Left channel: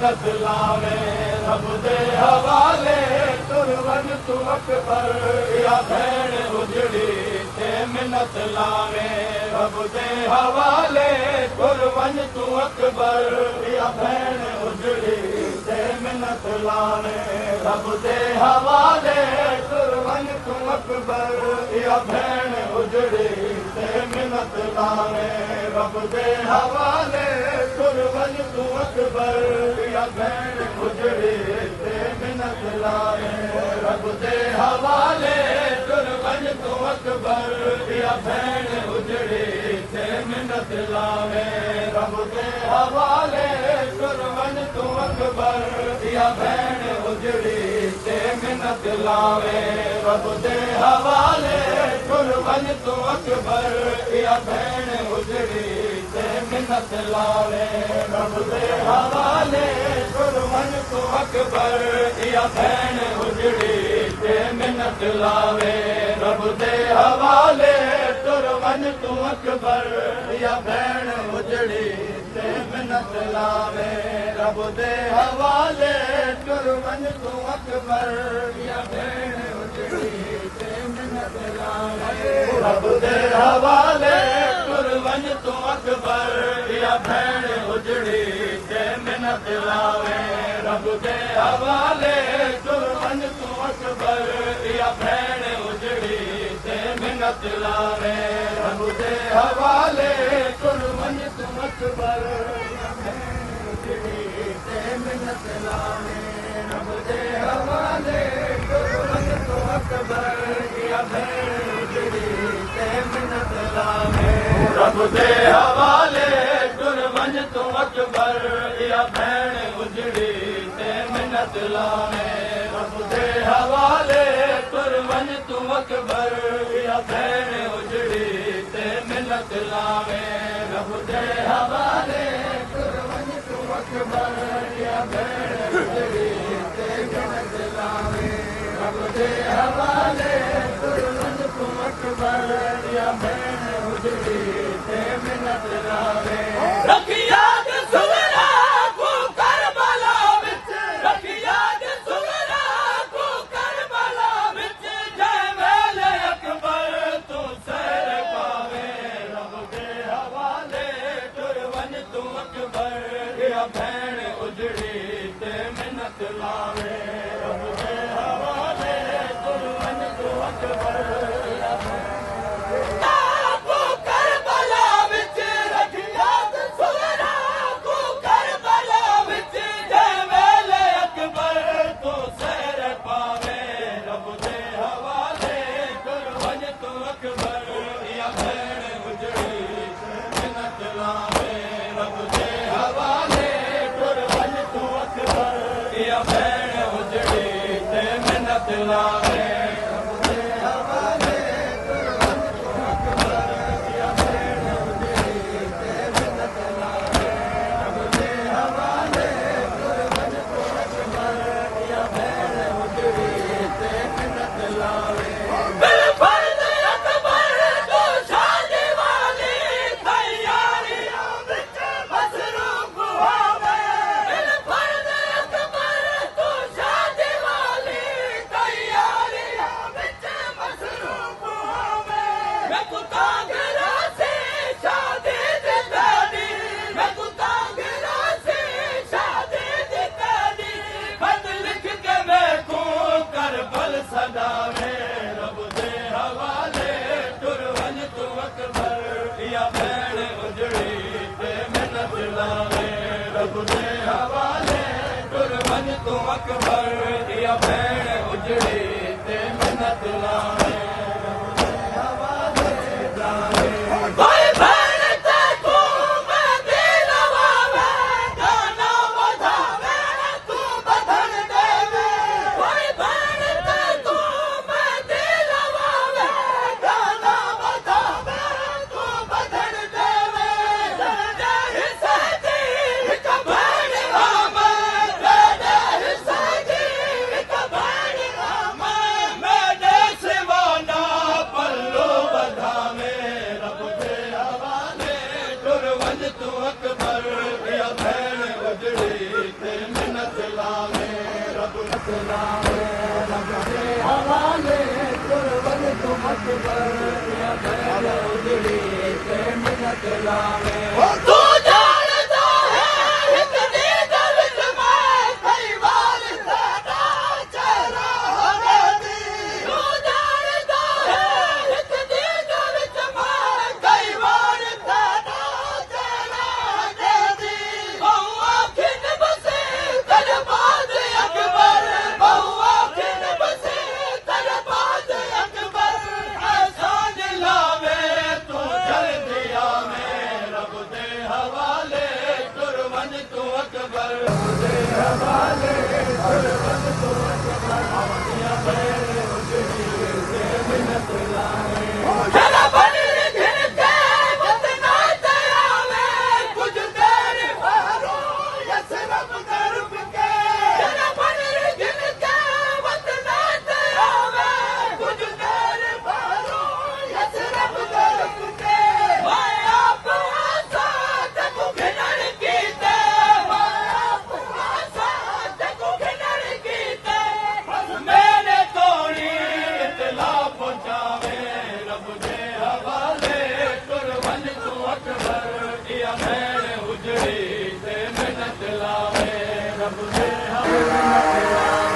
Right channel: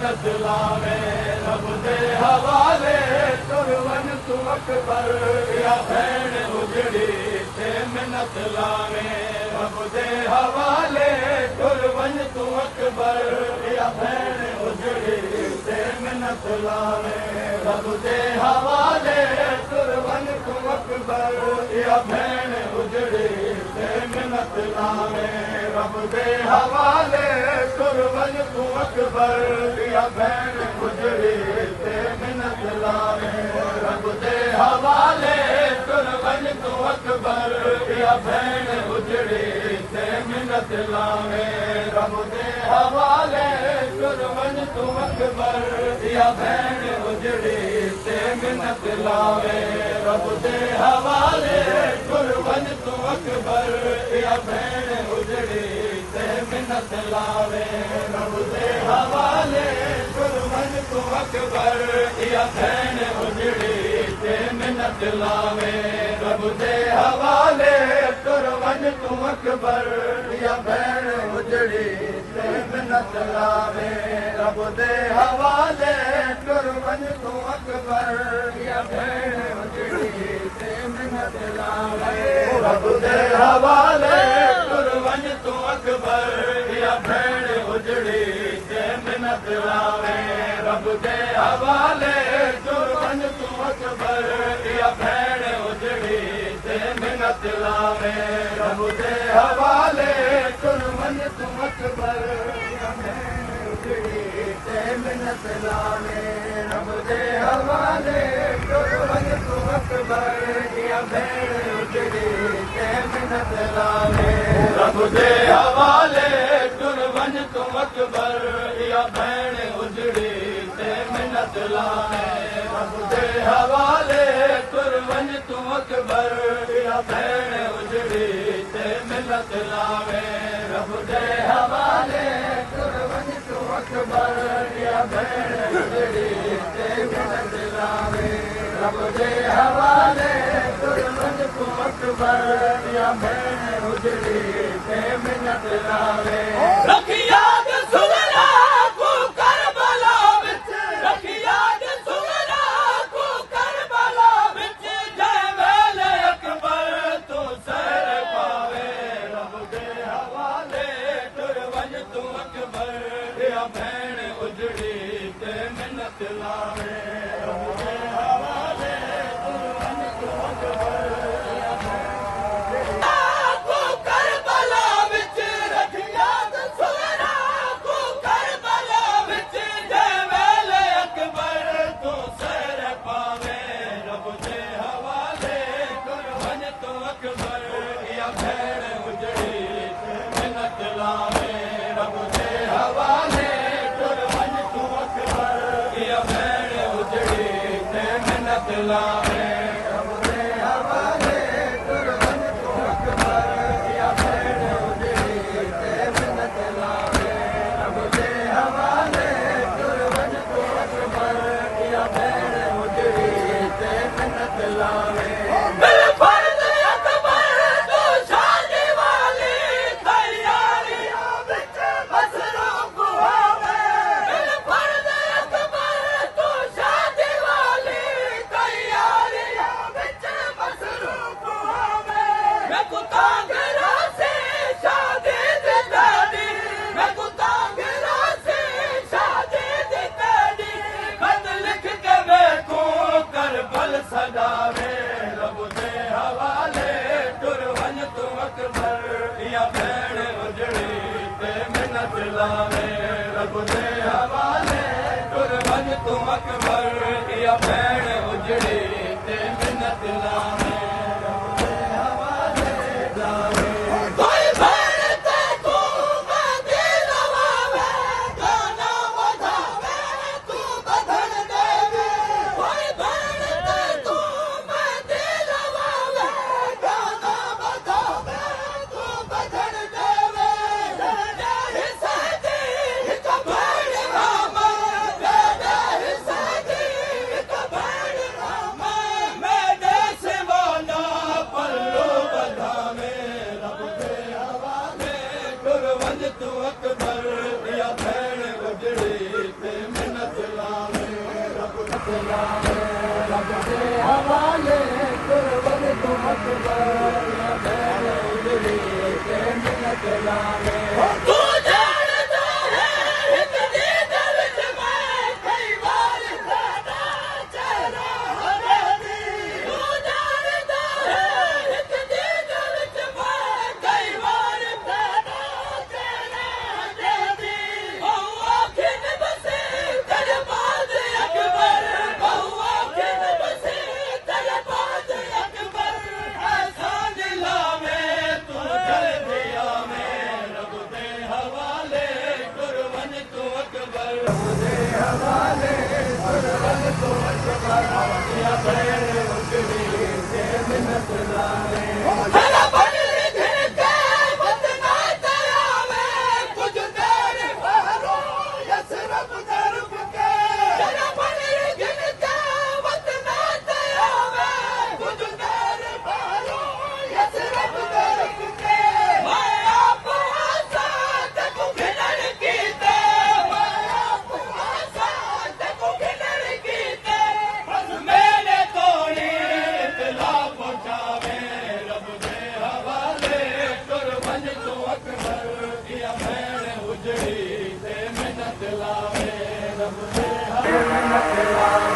मिन्नत लावे रब दे हवाले तुर वन तू अकबर या भेण उजड़ी ते मिन्नत लावे रब दे हवाले तुर वन तू अकबर या भेण उजड़ी ते मिन्नत लावे रब दे हवाले तुर वन तू अकबर या भेण उजड़ी ते मिन्नत लावे रब दे हवाले तुर वन तू अकबर या भेण उजड़ी ते मिन्नत लावे रब दे हवाले तुर वन तू अकबर या भेण उजड़ी ते मिन्नत लावे रब दे हवाले तुर वन तू अकबर या भेण उजड़ी ते मिन्नत लावे रब दे हवाले तुर वन तू अकबर या भेण उजड़ी ते मिन्नत लावे रब दे हवाले तुर वन तू अकबर या भेण उजड़ी ते मिन्नत लावे रब दे हवाले तुर वन तू अकबर या भेण उजड़ी ते मिन्नत लावे रब दे हवाले तुर वन तू अकबर या भेण उजड़ी ते मिन्नत लावे रब दे हवाले तुर वन तू अकबर या भेण उजड़ी ते मिन्नत लावे रब दे हवाले तुर वन तू अकबर या भेण उजड़ी ते मिन्नत लावे रब दे हवाले तुर वन तू अकबर या भेण उजड़ी ते मिन्नत लावे रब दे हवाले तुर वन तू अकबर या भेण उजड़ी ते मिन्नत लावे रब दे हवाले तुर वन तू अकबर या भेण उजड़ी ते मिन्नत लावे रब दे हवाले तुर वन तू अकबर या भेण उजड़ी ते मिन्नत लावे रब दे हवाले तुर वन तू अकबर या भेण उजड़ी ते मिन्नत लावे रब दे हवाले तुर वन तू अकबर या भेण उजड़ी ते मिन्नत लावे रखी याद सुवरा को करबला विच रखी याद सुवरा को करबला विच जय वेले अकबर तू सर पावे रब दे हवाले तुर वन तू अकबर या भेण उजड़ी ते मिन्नत लावे रब दे हवाले तुर वन तू अकबर या भेण को करबला विच रखी याद सुवरा को करबला विच जय वेले अकबर तू सर पावे रब दे हवाले तुर वन तू अकबर या भेण उजड़ी ते मिन्नत लावे रब दे हवाले तुर वन तू अकबर या भेण उजड़ी ते मिन्नत लावे रब दे हवाले तुर वन तू अकबर या भेण उजड़ी ते मिन्नत लावे रब दे हवाले तुर वन तू अकबर या भेण उजड़ी ते मिन्नत लावे बिलफर्द अकबर तू शादी वाली तैयारियां विच मसरूफ होवे बिलफर्द अकबर तू शादी वाली तैयारियां विच मसरूफ होवे मैं कुतांगरा से शादी दी दादी मैं कुतांगरा से शादी दी दादी खत लिख के मैं को करबल सदावे रब दे हवाले तुर वन तू अकबर या भेण उजड़ी ते मिन्नत लावे रब दे हवाले तुर वन तू अकबर या भेण उजड़ी ते मिन्नत लावे रब दे हवाले लावे कोई भेण ते तू मैं दिल लवावे गाना बधावे तू बधन देवे कोई भेण ते तू मैं दिल लवावे गाना बधावे तू बधन देवे दे हिस्से दी हिक भेण राम दे हिस्से दी हिक भेण राम मैं दे सिवाना पल्लू बधावे रब दे हवाले तुर वन तू अकबर या भेण उजड़ी ते लावे रब दे हवाले तुर वन तू अकबर या भैन उजड़ी ते मिन्नत लावे तू जानदा है हिक दीद विच मैं कई बार सादा चेहरा हदी तू जानदा है हिक दीद विच मैं कई बार सादा चेहरा हदी बहुआ खिन बसे करबाद अकबर बहुआ खिन बसे करबाद अकबर ऐसा दिलावे तू चल दिया में रब दे हवाले कुर्बन तू अकबर रब दे हवाले कुर्बन तू अकबर या खैर उजड़ी से मिन्नत लावे तेरा बदल घिन के बतना तेरा में कुछ देर बहरो यसरब तरफ के तेरा बदल घिन के बतना तेरा में कुछ देर बहरो यसरब तरफ के मैं आप आसा देखो घिनर कीते मैं आप आसा देखो घिनर कीते मेरे तोड़ी इतला पहुंचावे रब दे हवाले कुर्बन तू अकबर या भैन उजड़ी से मिन्नत लावे रब दे हवाले